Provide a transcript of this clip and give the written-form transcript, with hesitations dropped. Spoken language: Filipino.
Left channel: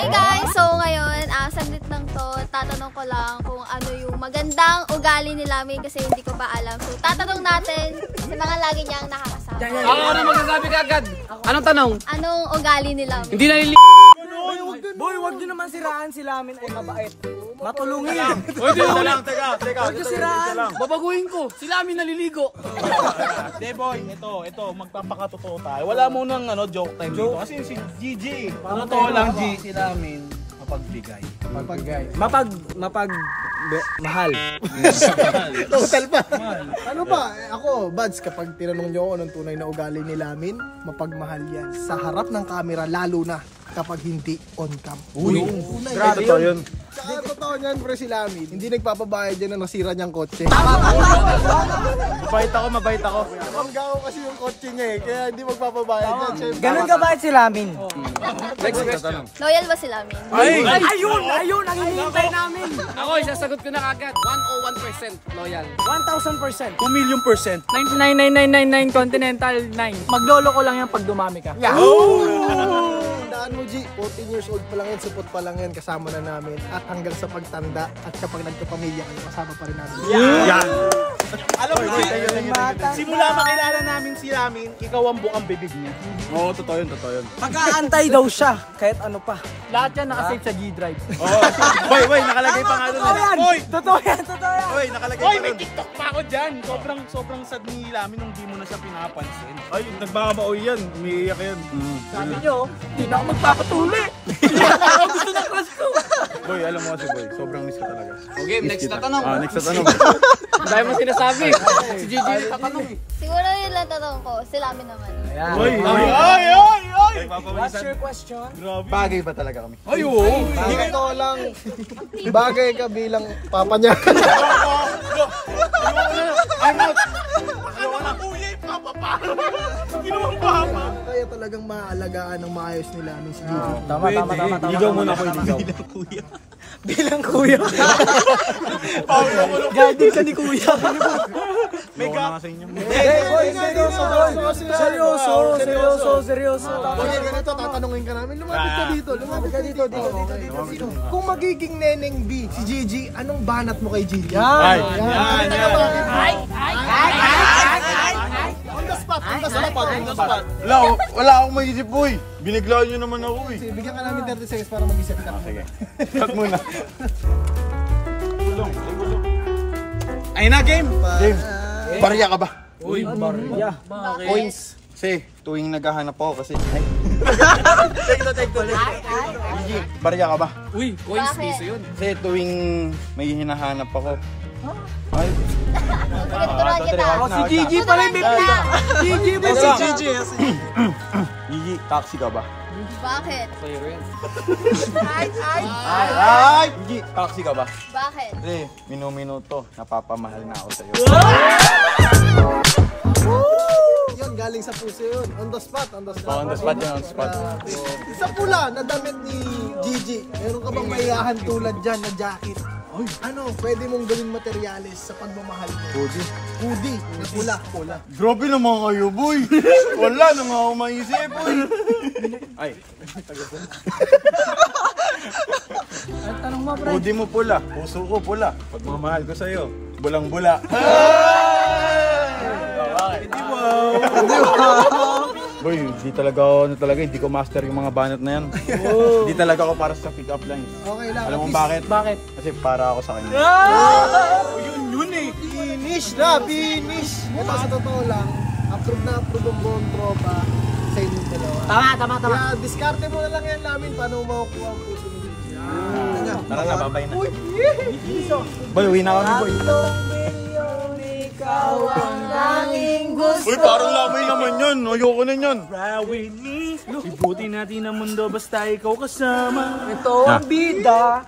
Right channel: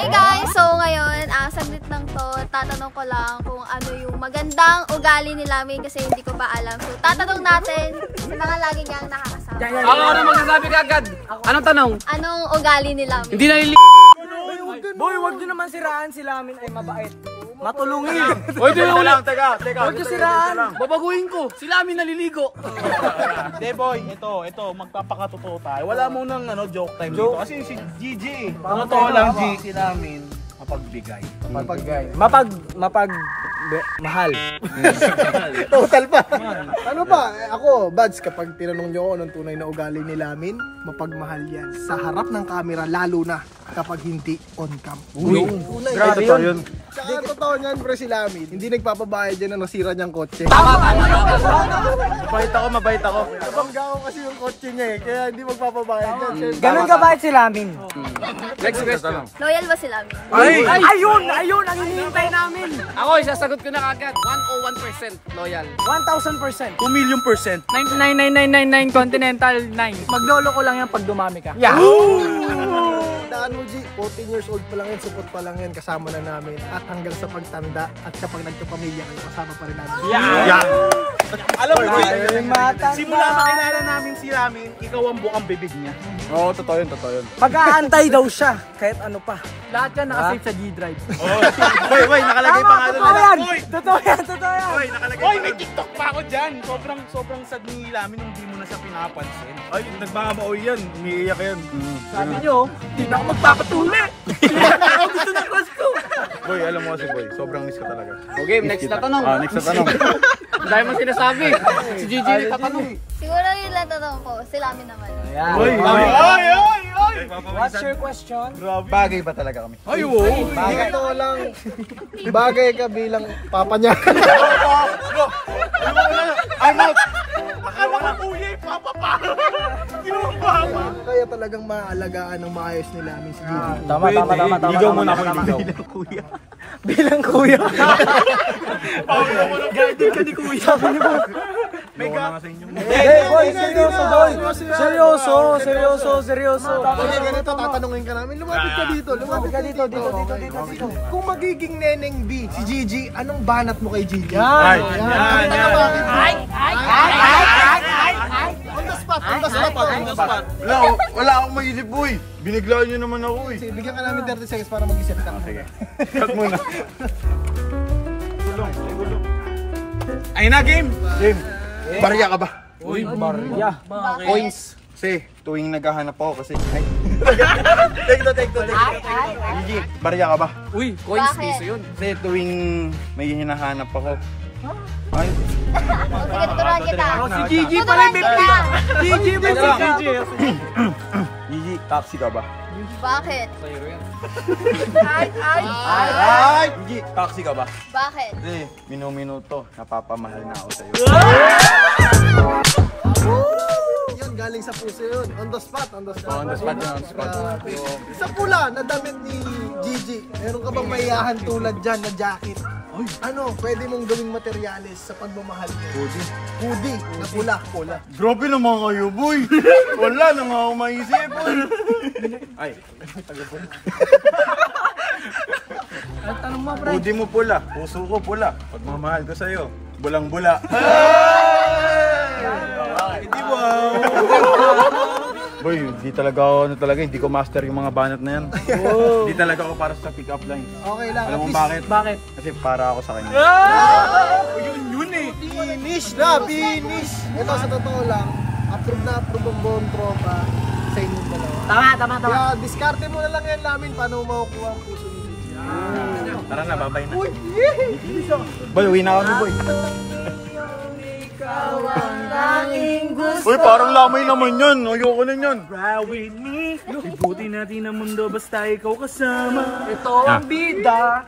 Hey guys, so ngayon, saglit lang to, tatanong ko lang kung ano yung magandang ugali ni Lamin kasi hindi ko pa alam. So tatanong natin sa mga lagi niyang nakakasama. Ako na magsasabi ka agad. Anong tanong? Anong ugali ni Lamin? Hindi nalili... Boy, wag nyo naman siraan, si Lamin ay mabait. Matulungin. Oy, Teka lang, teka. Wag nyo siraan. babaguhin ko. Sila amin naliligo. Hindi boy, ito, magpapakatotoo tayo. Wala mo nang joke time dito. Kasi si Gigi, totoo lang Gigi namin, mapagbigay. Mahal. Total pa. Ano ba? Ako, Bads, kapag tinanong nyo ako anong tunay na ugali ni Lamin, mapagmahal yan. Sa harap ng camera, lalo na kapag hindi on cam. Ay, totoo yun. Ang totoo niyan, pre, si Lamin, hindi nagpapabayad yan na nasira niyang kotse. Mabait ako. Nabanggaw kasi yung kotse niya eh, kaya hindi magpapabayad yan. Siyempre. Ganun ka ba si Lamin? Next question. Loyal ba si Lamin? Ayun, ang hinihintay namin. Ako, isasagot ko na agad. 101% loyal. 1,000%. 2 million %. 99,999 Continental 9. Maglolo ko lang yan pag dumami ka. Daan mo, G, 14 years old pa lang yan, support pa lang yan, kasama na namin. At hanggang sa pagtanda, at kapag nagkapamilya kayo, kasama pa rin namin. Yan. Alam mo, simula makilala namin si Lamin, ikaw ang bukang bibig niya. Oo, totoo yun. Pag-aantay daw siya, kahit ano pa. Lahat yan nakasave sa G-Drive. Boy, nakalagay pa nga doon. Totoo yan. Boy, nakalagay. Boy, may TikTok pa ako dyan. Sobrang sad ni Lamin nung di mo na siya pinapansin. Ay, nagbakabaoy yan. Umiiyak yan. Sabi nyo, hindi na ako magpapatuli. Gusto na crush ko. Boy, alam mo kasi boy, sobrang miss ko talaga. Okay, next na tanong. Next na tanong. Dahil mo sinasabi. Si Gigi tatanong. Siguro yun lang tanong ko, si Lamin naman. Boy, What's your question? bagay ba talaga kami? Ay, oo. Bagay ko lang, bagay ka bilang papa niya. Ayoko na. I'm out. Kaya talagang maaalagaan ng maayos ni Lamin si Gigi. Ligaw muna po, ligaw. Bilang kuya. Gagawin ka ni kuya. May ka. Seryoso. Boy, ganito, tatanungin ka namin. Lumapit ka dito. Kung magiging neneng B, si Gigi, anong banat mo kay Gigi? Yan. On the spot. Wala akong maisip, boy. Biniglaan nyo naman ako, eh. Sige, bigyan ka namin 30 seconds para mag-isip ka. Sige. Cut muna. Gulong. Ayun na, game. Barya ka ba? Uy, Maria. Points. Kasi tuwing naghahanap ako kasi... Take to. Gigi, barya ka ba? Uy, coins Bakit? piso yun. Kasi tuwing may hinahanap ako. Ay, Sige, tuturuan kita. Si Gigi pala yung Tuturuan kita. Gigi ba si Gigi? Gigi, taxi ka ba? Bakit? Ay! Gigi, taxi ka ba? Bakit? Kasi minuto, napapamahal na ako sa'yo. Yun, galing sa puso yun. On the spot. On the spot. Sa pula na damit ni Gigi, meron ka bang maiyahan tulad dyan na jacket? Ano, pwede mong gawing materyales sa pagmamahal mo? Hoodie. Na pula. Grabe naman kayo, boy! Wala na nga ako maisip, boy! Ay. Tanong mo, pre. Hoodie mo pula, puso ko pula. Pagmamahal ko sa'yo, bulang-bula. Hindi ba? Boy, di talaga ako, hindi ko master yung mga banat na yan. Hindi talaga ako para sa pick-up lines. Okay lang. Alam mo at least- bakit? Kasi para ako sa kanya. Yun eh. Finish. Ito sa totoo lang, approve ang buong tropa sa inyong dalawa. Tama. Kaya diskarte mo na lang yan namin paano makukuha ang puso ni Gigi. Tara na, babay na. Uy! Boy, uwi na kami, boy. Uy, parang lamay naman yun. Ayoko na yun. Ibuti natin ang mundo basta ikaw kasama. Ito ang bida.